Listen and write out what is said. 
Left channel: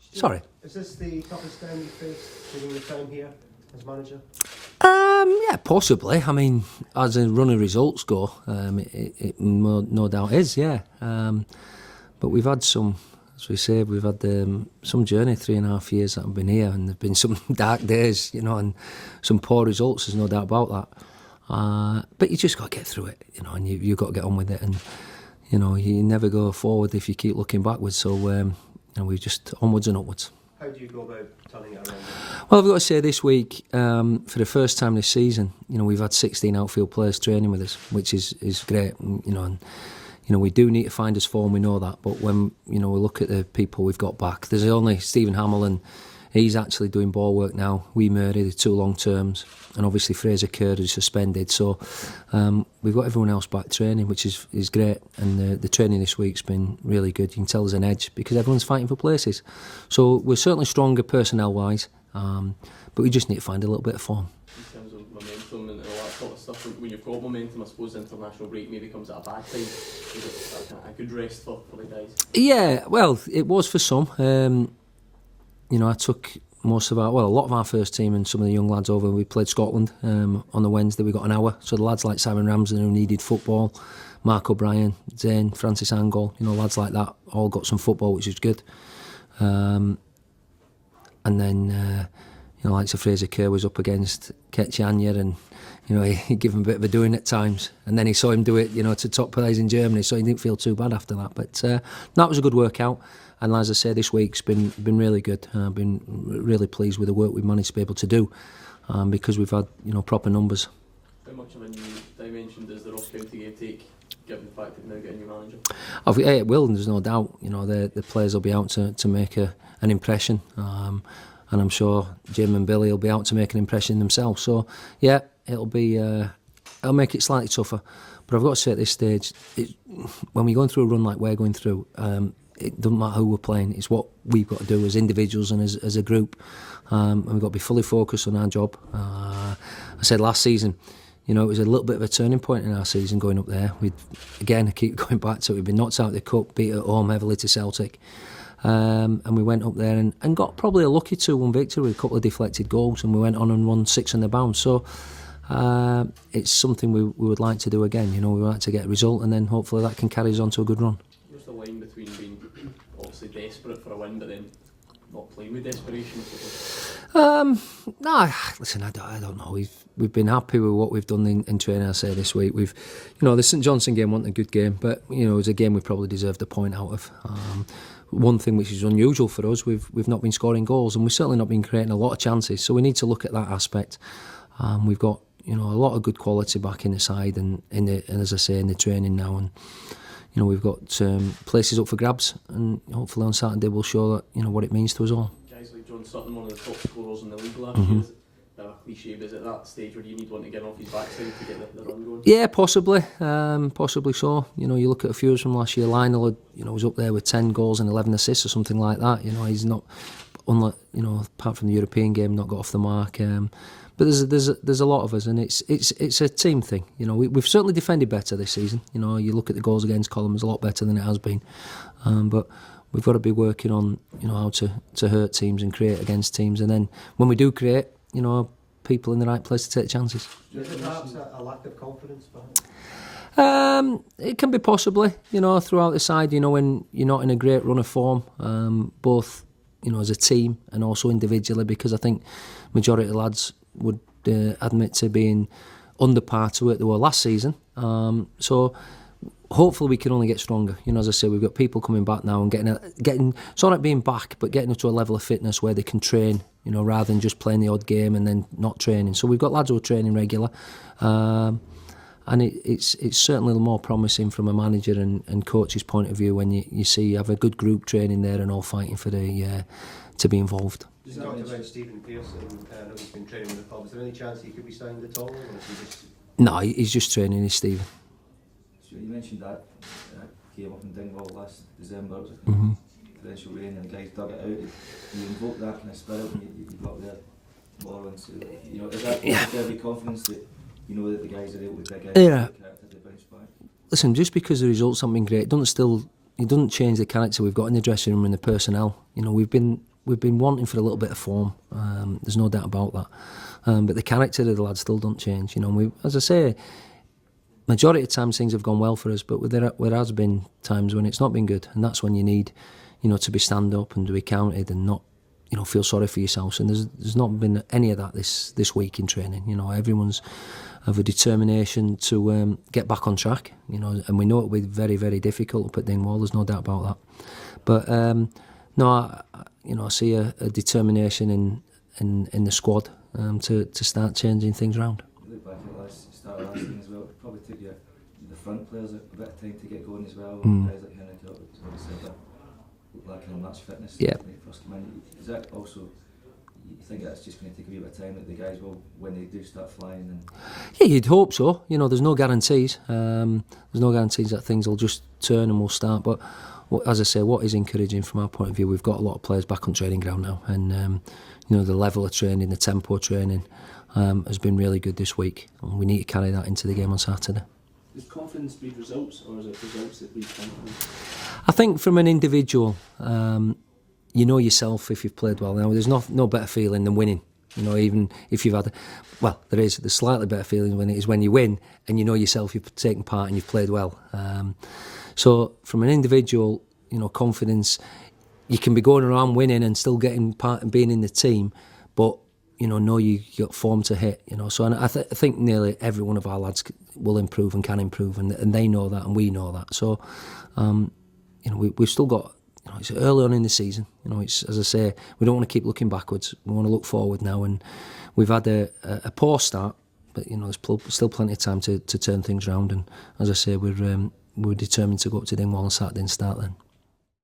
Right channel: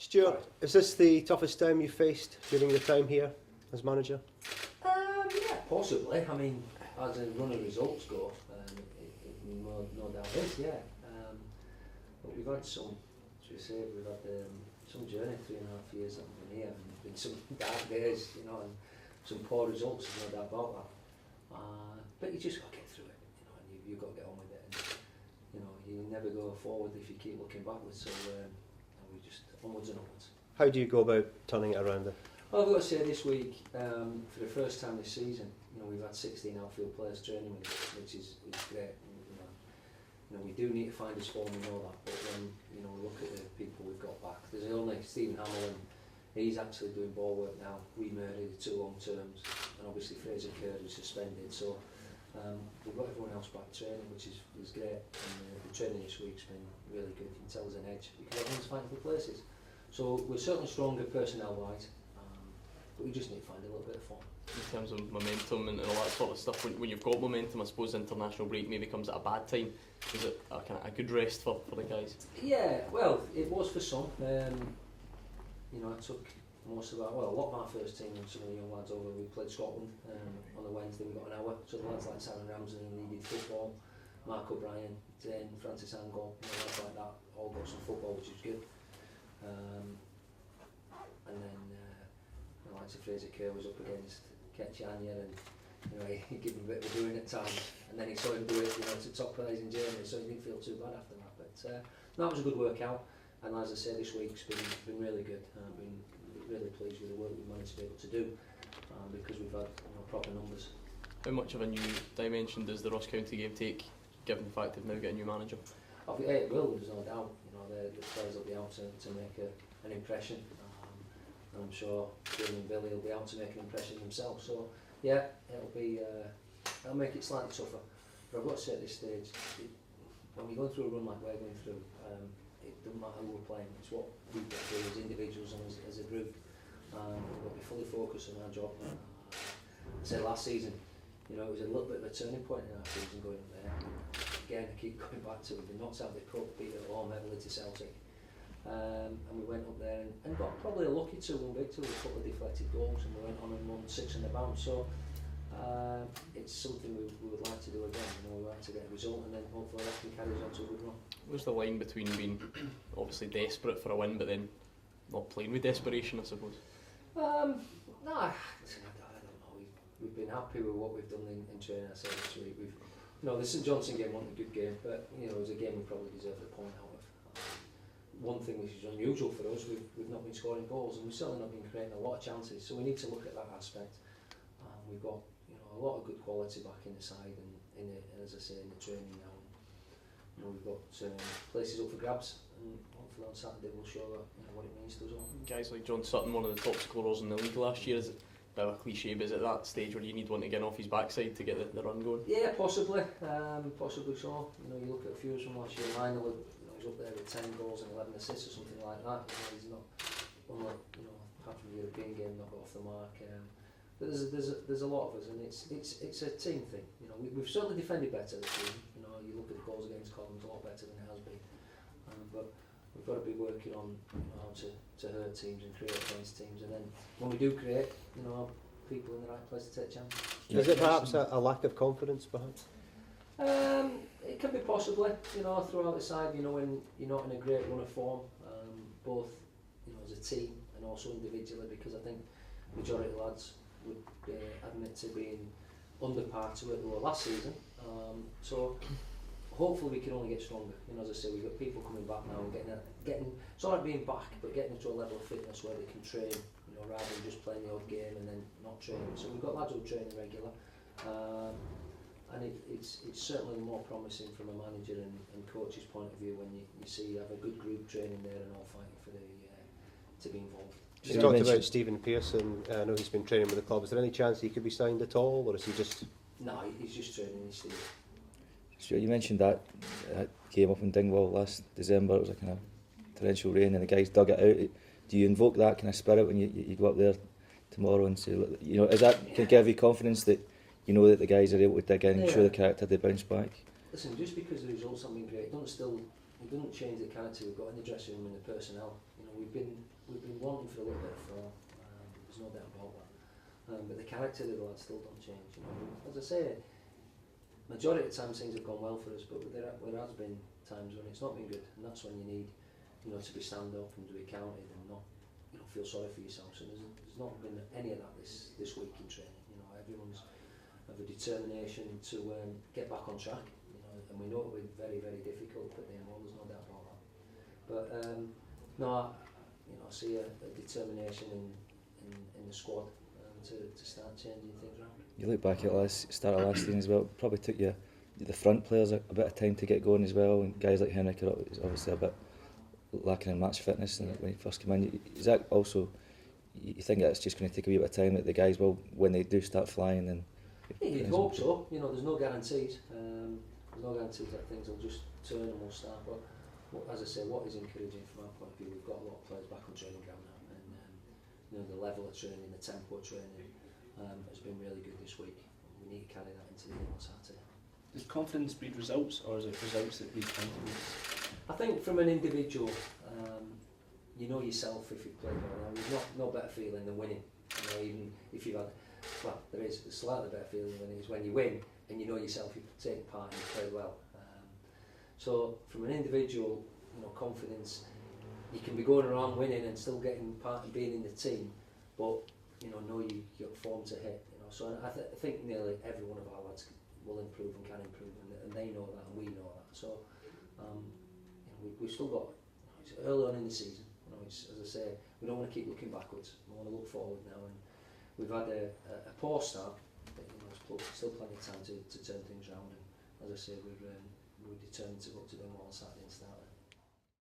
Stuart, Sorry. Is this the toughest time you've faced during your time here as manager? Yeah, possibly. I mean, as a run of results go, it no doubt is, yeah. But we've had some, as we say, we've had some journey, 3.5 years that I've been here, and there've been some dark days, and some poor results, there's no doubt about that. But you just got to get through it, and you've got to get on with it, and, you never go forward if you keep looking backwards, so, we just onwards and upwards. How do you go about turning it around? Well, I've got to say this week, for the first time this season, we've had 16 outfield players training with us, which is great, and we do need to find us form, we know that, but when, we look at the people we've got back, there's only Stephen Hamill, he's actually doing ball work now. Wee Murray, the 2 long terms, and obviously Fraser Kerr is suspended. So we've got everyone else back training, which is great. And the training this week's been really good. You can tell there's an edge because everyone's fighting for places. So we're certainly stronger personnel-wise, but we just need to find a little bit of form. In terms of momentum and all that sort of stuff, when you've got momentum, I suppose the international break maybe comes at a bad time. Is it a good rest for the guys? Yeah, well, it was for some. I took a lot of our first team and some of the young lads over. We played Scotland on the Wednesday. We got an hour. So the lads like Simon Ramsden who needed football, Mark O'Brien, Zane, Francis Angol, lads like that all got some football, which is good. And then, like Sir Fraser Kerr was up against Ketch Anya and, he gave him a bit of a doing at times. And then he saw him do it, to top players in Germany, so he didn't feel too bad after that. But that was a good workout. And as I say, this week's been really good. I've been really pleased with the work we've managed to be able to do because we've had proper numbers. How much of a new dimension does the Ross County game take, given the fact that they've now got a new manager? It will, and there's no doubt. The players will be out to make an impression, and I'm sure Jim and Billy will be out to make an impression themselves. So yeah, it'll make it slightly tougher. But I've got to say at this stage, when we're going through a run like we're going through. It doesn't matter who we're playing, it's what we've got to do as individuals and as a group, and we've got to be fully focused on our job. I said last season, it was a little bit of a turning point in our season going up there. I keep going back to it, we've been knocked out of the cup, beat at home heavily to Celtic, and we went up there and got probably a lucky 2-1 victory with a couple of deflected goals, and we went on and won 6 on the bounce. So it's something we would like to do again. We would like to get a result, and then hopefully that can carry us on to a good run. What's the line between being obviously desperate for a win but then not playing with desperation, I suppose? Listen, I don't know. We've been happy with what we've done in training. I say this week the St Johnstone game wasn't a good game, but it was a game we probably deserved a point out of. One thing which is unusual for us, we've not been scoring goals, and we've certainly not been creating a lot of chances. So we need to look at that aspect. We've got a lot of good quality back in the side, and as I say, in the training now, and. We've got places up for grabs, and hopefully on Saturday we'll show that what it means to us all. Guys like John Sutton, one of the top scorers in the league last year, is a bit of a cliche, but is it that stage where you need one to get off his backside to get the run going? Yeah, possibly so. You look at a few from last year. Lionel, was up there with 10 goals and 11 assists or something like that. He's not, unlike apart from the European game, not got off the mark. But there's a lot of us, and it's a team thing. We've certainly defended better this season. You look at the goals against column, it's a lot better than it has been. But we've got to be working on how to hurt teams and create against teams, and then when we do create, people in the right place to take chances. Is it perhaps a lack of confidence behind? It can be possibly, throughout the side. When you're not in a great run of form, both as a team and also individually, because I think majority of the lads would admit to being under par to it they were last season. So hopefully we can only get stronger. As I say, we've got people coming back now and getting it's not like being back, but getting up to a level of fitness where they can train, rather than just playing the odd game and then not training. So we've got lads who are training regular, and it's certainly more promising from a manager and coach's point of view when you have a good group training there and all fighting for to be involved. You talked about Stephen Pearson. I know he's been training with the club. Is there any chance he could be signed at all, or is he just? No, he's just training. He's Stephen. Stuart, you mentioned that game up in Dingwall last December. It was like torrential rain, and the guys dug it out. Do you invoke that kind of spirit when you go up there tomorrow and say, is that give you confidence that that the guys are able to dig in and show the character they bounce back? Listen, just because the results haven't been great, it doesn't change the character we've got in the dressing room and the personnel. We've been we've been wanting for a little bit of form. There's no doubt about that. But the character of the lads still don't change. You know, we, as I say, majority of times things have gone well for us, but there has been times when it's not been good, and that's when you need, you know, to be stand up and to be counted and not, you know, feel sorry for yourselves. And there's not been any of that this week in training. You know, everyone's have a determination to get back on track. You know, and we know it'll be very, very difficult up at Dingwall. There's no doubt about that. But I see a determination in the squad to start changing things around. You look back at start of last season as well. It probably took the front players a bit of time to get going as well. And guys like Henrik are obviously a bit lacking in match fitness when he first came in. Is that also, you think that's just going to take a wee bit of time, that the guys will, when they do start flying? And yeah, you'd hope so. You know, there's no guarantees. There's no guarantees that things will just turn and we'll start. But as I say, what is encouraging from our point of view, we've got a lot of players back on training ground now, and you know, the level of training, the tempo of training has been really good this week, and we need to carry that into the game on Saturday. Does confidence breed results, or is it results that breed confidence? I think from an individual, you know yourself if you've played well. Now, there's no better feeling than winning. You know, even if you've had there's slightly better feeling when you win and you know yourself, you've taken part and you've played well. So from an individual, you know, confidence, you can be going around winning and still getting part and being in the team, but you know you got form to hit. You know, so and I think nearly every one of our lads will improve and can improve, and they know that and we know that. So, you know, we've still got. You know, it's early on in the season. You know, it's, as I say, we don't want to keep looking backwards. We want to look forward now, and we've had a poor start, but you know, there's still plenty of time to turn things around. And as I say, we're determined to go up to Dingwall on Saturday and start then.